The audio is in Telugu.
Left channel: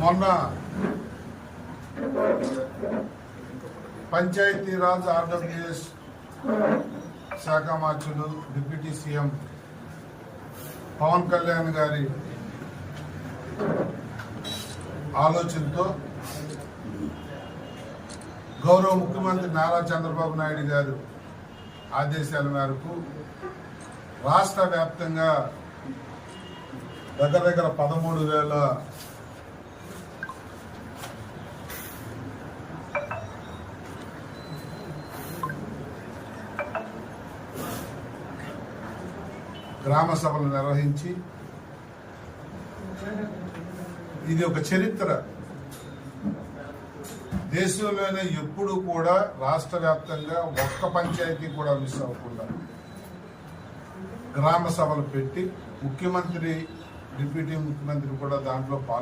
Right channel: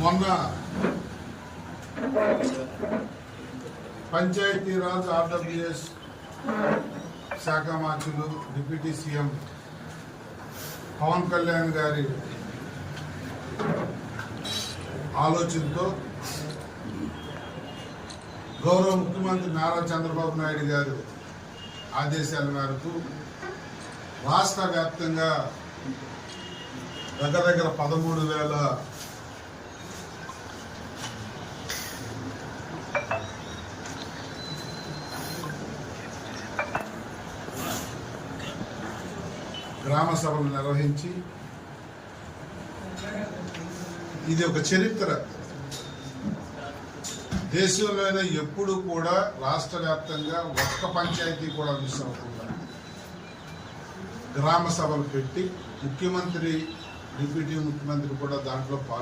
మొన్న పంచాయతీరాజ్ ఆర్డబ్ల్యూఎస్ శాఖ మార్చులు డిప్యూటీ సీఎం పవన్ కళ్యాణ్ గారి ఆలోచనతో గౌరవ ముఖ్యమంత్రి నారా చంద్రబాబు నాయుడు గారు ఆదేశాల మేరకు రాష్ట్ర వ్యాప్తంగా దగ్గర 13,000 గ్రామ సభలు నిర్వహించి ఇది ఒక చరిత్ర. దేశంలోనే ఎప్పుడు కూడా రాష్ట్ర వ్యాప్తంగా ఒక్క పంచాయతీ కూడా మిస్ అవ్వకుండా గ్రామ సభలు పెట్టి ముఖ్యమంత్రి డిప్యూటీ ముఖ్యమంత్రి కూడా దాంట్లో పాల్గొన్నారు.